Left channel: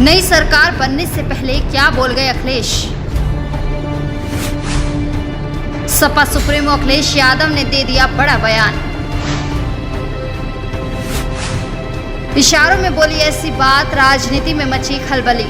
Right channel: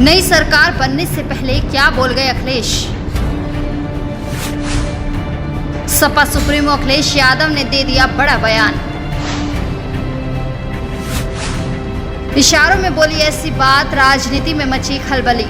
नई सरकार बनने से पहले क्या बोल गए अखिलेश? सपा सुप्रीमो अखिलेश यादव ने दे दिया बड़ा बयान। इशारों में बोली ऐसी बात, राजनीति में मची खलबली।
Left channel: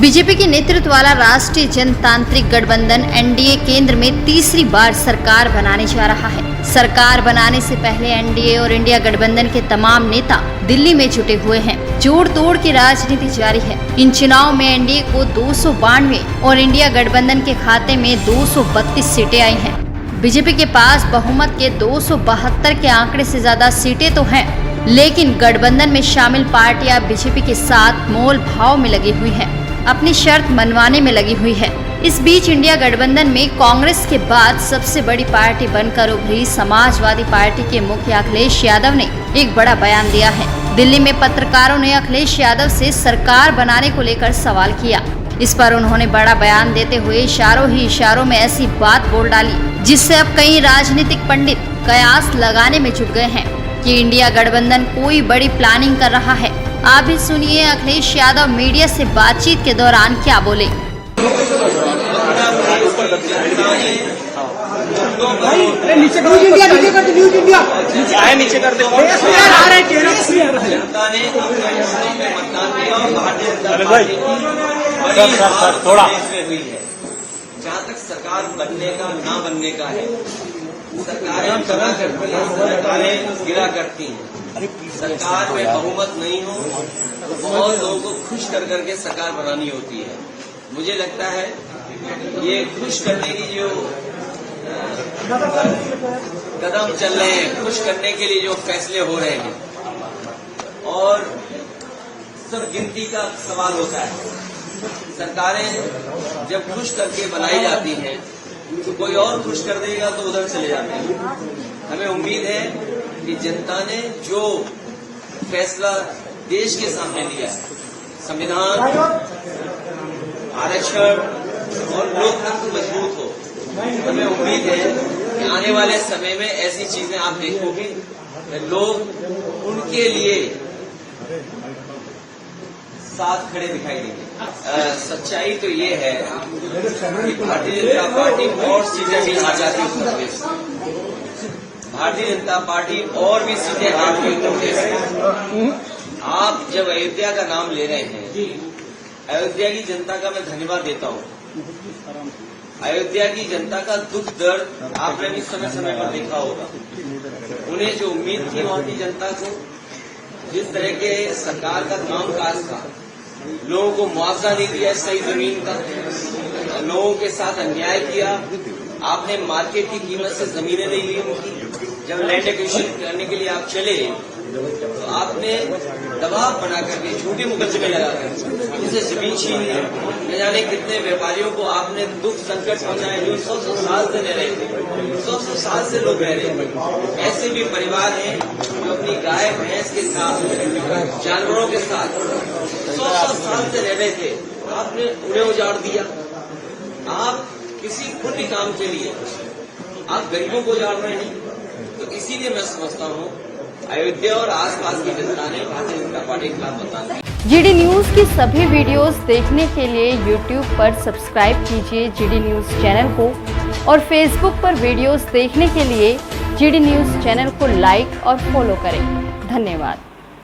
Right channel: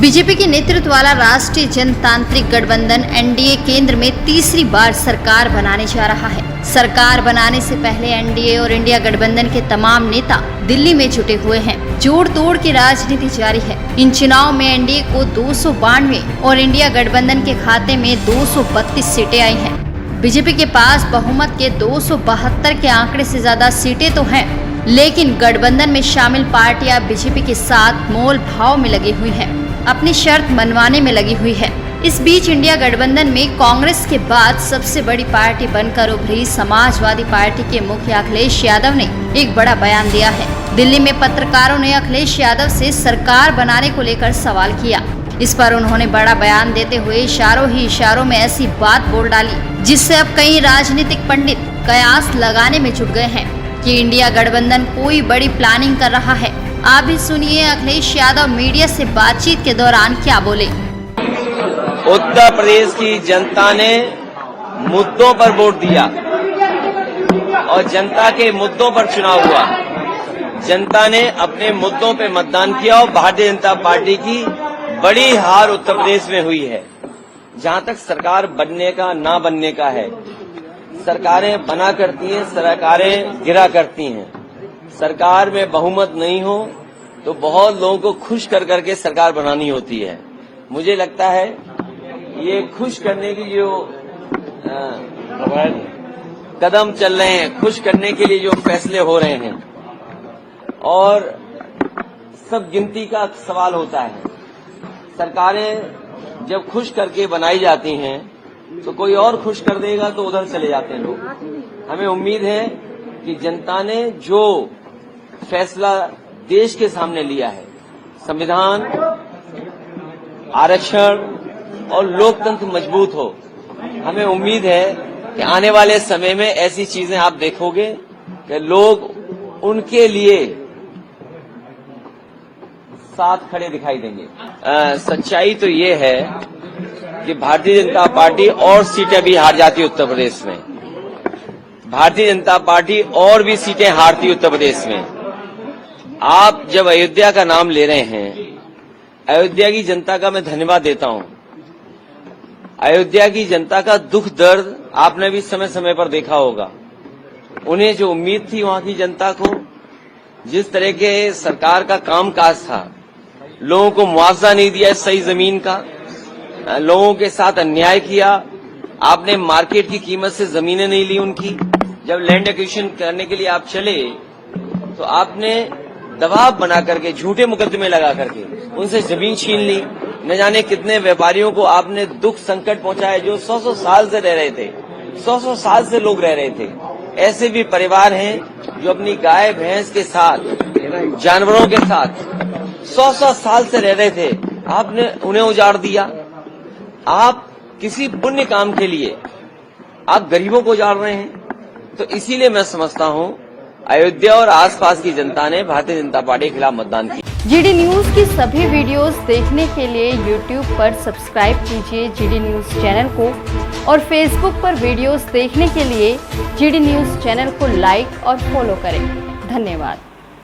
बीजेपी के नेतृत्व वाला राष्ट्रीय जनतांत्रिक गठबंधन एनडीए केंद्र में तीसरी बार सरकार बनाने जा रहा है। सरकार बनाने से पहले एनडीए और इंडिया गठबंधन के तमाम नेता दिल्ली में जुटे हुए हैं। जोड़ तोड़ की राजनीति जारी है। इन चुनाव में एनडीए को 292 और इंडिया गठबंधन के खाते में 232 सीटें आई हैं। बीजेपी के पास बहुमत के 272 के आंकड़े से ज्यादा सीटें तो हैं, लेकिन गठबंधन में शामिल पार्टियां बीजेपी के साथ मोल भाव में लगी हुई हैं, अपनी शर्त मनवाने में लगी हुई है। इस बीच इंडिया गठबंधन में कांग्रेस के बाद सबसे बड़ी पार्टी बनकर उभरी समाजवादी पार्टी के मुखिया अखिलेश यादव ने एक बड़ा बयान दिया है। दिल्ली में पत्रकारों ने अखिलेश यादव से सरकार बनाने को लेकर सवाल किया। इस पर उन्होंने बड़ा बयान देते हुए इशारों ही इशारों में ऐसी बात बोल डाली, जिससे अब कई राजनीतिक पंडित कयास लगाने में जुट गए हैं कि इंडिया गठबंधन कोई बड़ी प्लानिंग कर रहा है। आप भी सुनिए अखिलेश यादव मीडिया से बातचीत के दौरान क्या बोले। उत्तर प्रदेश की जनता ने मुद्दों पर वोट दिया और जनता के मुद्दों पर चुनाव किया। जनता ने अपने मुद्दों पर मतदान किया और भारतीय जनता पार्टी की बड़ी हार उत्तर प्रदेश में हुई है। जहां तक सरकार बनने का ना बनने का है, सरकारें बना करती हैं, सरकारें गिरा करती हैं। सरकार में बहुमत नहीं हो तो बहुत लोगों को खुश कर करके सरकार बनानी होती है। मुझे लगता है ये खुश करने की जो कदम चल रहे हैं, खुश करने के लिए जो फैसले हो रहे हैं, और सब गिनती का सवाल होता है। सरकारें जब खुश करके बनाई जाती हैं तो कोई और खुश कर देगा तो उधर चले जाते हैं। हमें उम्मीद है कि जनता ने जो फैसला देश के सामने लिया है, संविधान, आरक्षण और लोकतंत्र मजबूत हो, हमें उम्मीद है कि आने वाले समय में ऐसी चीजें आप देखोगे कि लोग उनके लिए साथ खड़े दिखाई देंगे। सच्चाई तो ये है कि भारतीय जनता पार्टी और सीटें भी हार जाती है उत्तर प्रदेश में। भारतीय जनता पार्टी और भी सीटें हारती उत्तर प्रदेश में। आप जब अयोध्या का नाम ले रहे हैं, अयोध्या की जनता का मैं धन्यवाद देता हूं। अयोध्या की जनता का दुख दर्द आपने भी समय समय पर देखा होगा। उन्हें जो उम्मीद थी वहां की जनता को, जिस तरह के सरकार का कामकाज था, लोगों को मुआवजा नहीं दिया सही जमीन का, लोगों के साथ अन्याय किया, आपने मार्केट की कीमत से जमीनें नहीं ली उनकी। जब लैंड एक्विजिशन करने के लिए आप चले तो आपने दबाव बना करके, झूठे मुकदमे लगा करके उनसे जमीन छीन ली। न जाने कितने व्यापारियों को आपने दुख संकट पहुंचाया जो 100 साल से रह रहे थे, 100 साल से लोग रह रहे थे। ऐसे भी परिवार हैं जो अपनी गाय भैंस के साथ, जानवरों के साथ 100 साल से रह रहे थे, आपने उन्हें उजाड़ दिया। आप किसी पुण्य काम के लिए आप गरीबों को उजाड़ रहे हैं। तो इसीलिए मैं समझता हूं अयोध्या और आसपास की जनता ने भारतीय जनता पार्टी के खिलाफ मतदान किया। जीडी न्यूज की सभी वीडियोस देखने के लिए यूट्यूब पर सब्सक्राइब कीजिए जीडी न्यूज चैनल को, और फेसबुक पर वीडियोस देखने के लिए जीडी न्यूज चैनल को लाइक और फॉलो करें। धन्यवाद।